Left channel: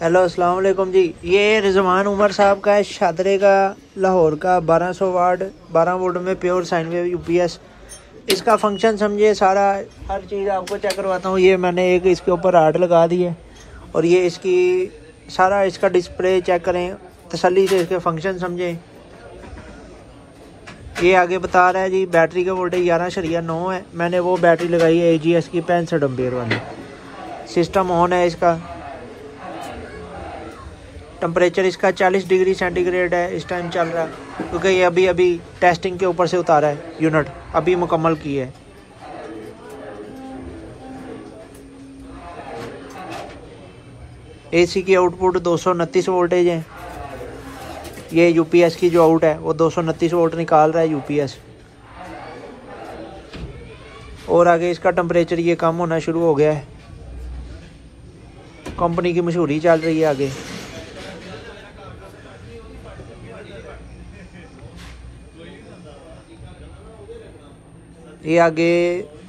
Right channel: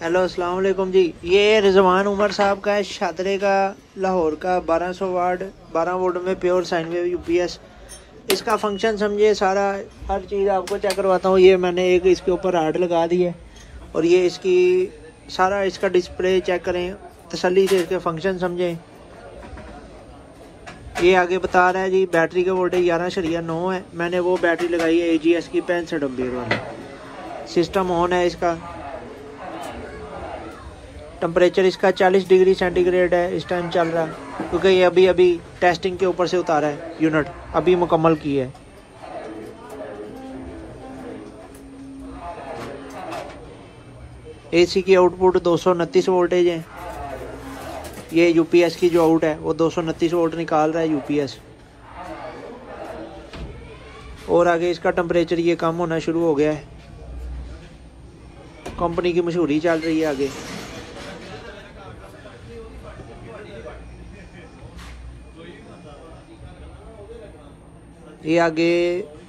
Hello अस्सलाम वालेकुम जी। ये रिजवान उमर साहब का है, शादरे का, लाहौर का, 1200 वाट 12 वोल्ट में प्योर साइन वेव यूपीएस। इसका फंक्शन समझिए, सारा हर चीज़ आपको चेक करवाता हूँ। ये मैंने एक इसके ऊपर आर्ट लगा दी है और ये इसकी सारा इसका डिस्प्ले चेक करें, तसल्ली से इसके फंक्शन समझें। ये आगे बता रहा है जी बैटरी का वोल्टेज 11.9 है। मैंने वो बैटरी लगाई है AGS की 65 एम्पीयर वाली। सिस्टम ऑन है। इसका टेम्परेचर इसका 40 डिग्री सेंटीग्रेड है इस टाइम चल रहा है, क्योंकि ये अभी टेस्टिंग के ऊपर से उतारा है, यूनिट अभी मुकम्मल की है। AC की आउटपुट 229 वोल्टेज है। ये UPS की जो आउट है वो 229 वोल्ट निकाल रहा है UPS। और आगे इसका टेम्परेचर ये कम होना शुरू हो गया है। कंपनी की मशहूरी चल रही है आगे। ये आगे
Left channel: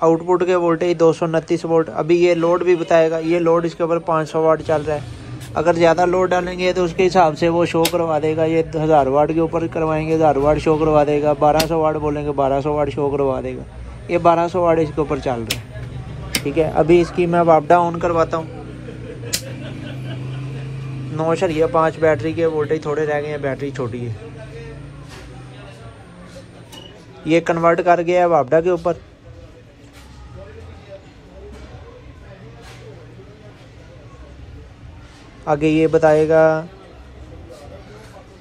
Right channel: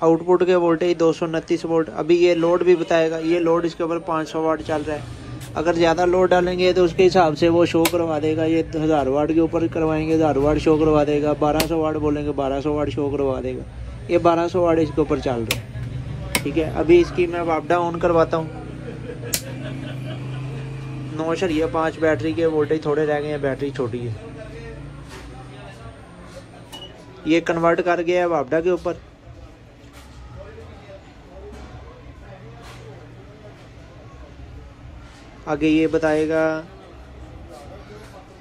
आउटपुट के वोल्टेज 229 वोल्ट। अभी ये लोड भी बताएगा। ये लोड इसके ऊपर 500 वाट चल रहा है। अगर ज़्यादा लोड डालेंगे तो उसके हिसाब से वो शो करवा देगा। ये 1000 वाट के ऊपर करवाएंगे 1000 वाट शो करवा देगा। 1200 वाट बोलेंगे 1200 वाट शो करवा देगा। ये 1200 वाट इसके ऊपर चल रहा है। ठीक है, अभी इसकी मैं अप डाउन करवाता हूँ। 9.5 बैटरी के वोल्टेज थोड़े रह गए हैं, बैटरी छोटी है। ये कन्वर्ट कर गया है वापडा के ऊपर। आगे ये बताएगा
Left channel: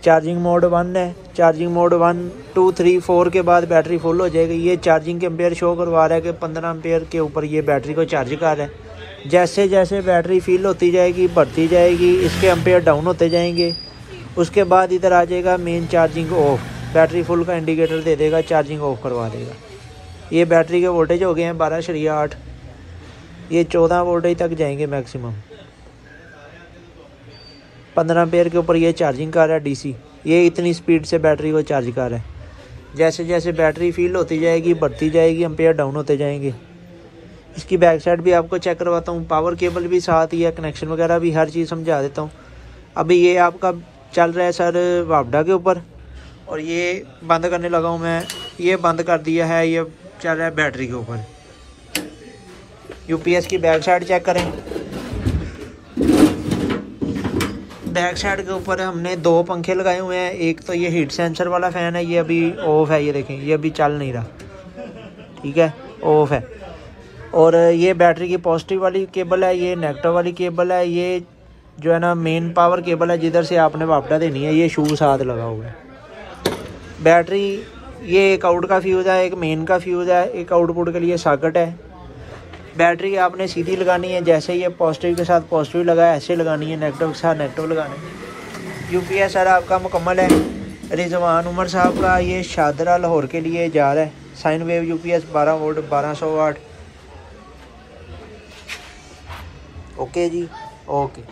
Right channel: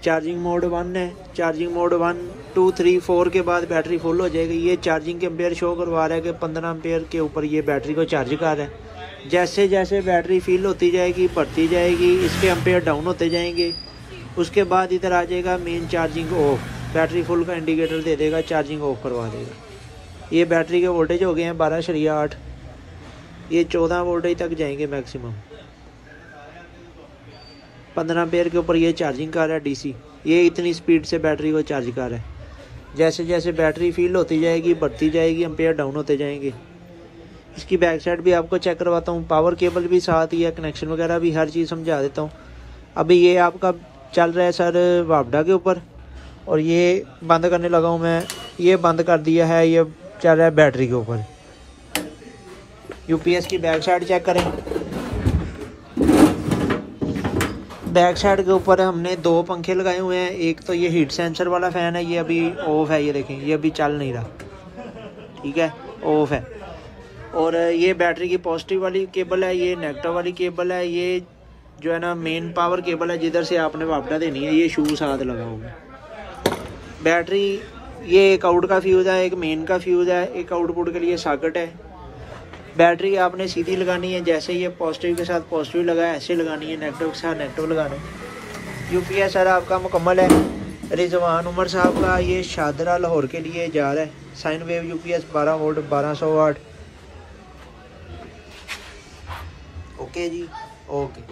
चार्जिंग मोड 1 है। चार्जिंग मोड 1 2 3 4 के बाद बैटरी फुल हो जाएगी। ये चार्जिंग के एम्पेयर शो करवा रहा है कि 15 एम्पेयर के ऊपर ये बैटरी को चार्ज कर रहा है। जैसे जैसे बैटरी फिल होती जाएगी, बढ़ती जाएगी, इसके एम्पेयर डाउन होते जाएंगे। उसके बाद इधर आ जाएगा main charging of. Battery full का इंडिकेटर दे देगा, चार्जिंग ऑफ करवा देगा। ये बैटरी के वोल्टेज हो गए हैं 12.8। ये 14 वोल्टेज तक जाएंगे मैक्सिमम। 15 एम्पेयर के ऊपर ये चार्जिंग कर रहा है DC। ये इतनी स्पीड से बैटरी को चार्ज कर रहा है। जैसे जैसे बैटरी फील होती जाएगी, बढ़ती जाएगी, एम्पेयर डाउन होते जाएंगे। इसकी बैक साइड भी आपको चेक करवाता हूँ। पावर केबल भी साथ ही है, कनेक्शन वगैरह भी हर चीज़ समझा देता हूँ। अभी ये आपका चल रहा है सर वापडा के ऊपर, और ये बंद करने लगा हूँ मैं। ये बंद कर दिया है। ये चल रहा है बैटरी के ऊपर। UPS की बैक साइड चेक करें। बैक साइड के ऊपर हमने 2 पंखे लगाए हुए हैं। एक तो ये हीट सेंसर वाला फ़ैन है, ये अभी ऑफ है। ये देखें, ये अभी चल नहीं रहा। ठीक है, ऑफ है। और ये बैटरी की पॉजिटिव वाली केबल है, ये नेगेटिव वाली केबल है। ये जो है ना मेन पावर केबल है, जिधर से आपने वापडा देनी है। ये शू साथ लगा हुआ है। बैटरी ये एक आउट का फ्यूज़ है, एक मेन का फ्यूज़ है, एक आउटपुट के लिए सॉकेट है। बैटरी आपने सीधी लगानी है। जैसे ये पॉजिटिव के साथ पॉजिटिव लगा है, ऐसे लगानी है। नेगेटिव के साथ नेगेटिव लगाना है। UPS सर आपका मुकम्मल है। रिजवान उमर साहब का ये शादरा लाहौर के लिए जा रहा है। साइन वेव UPS 12 वोल्ट 1200 वाट। ओके जी, ओके।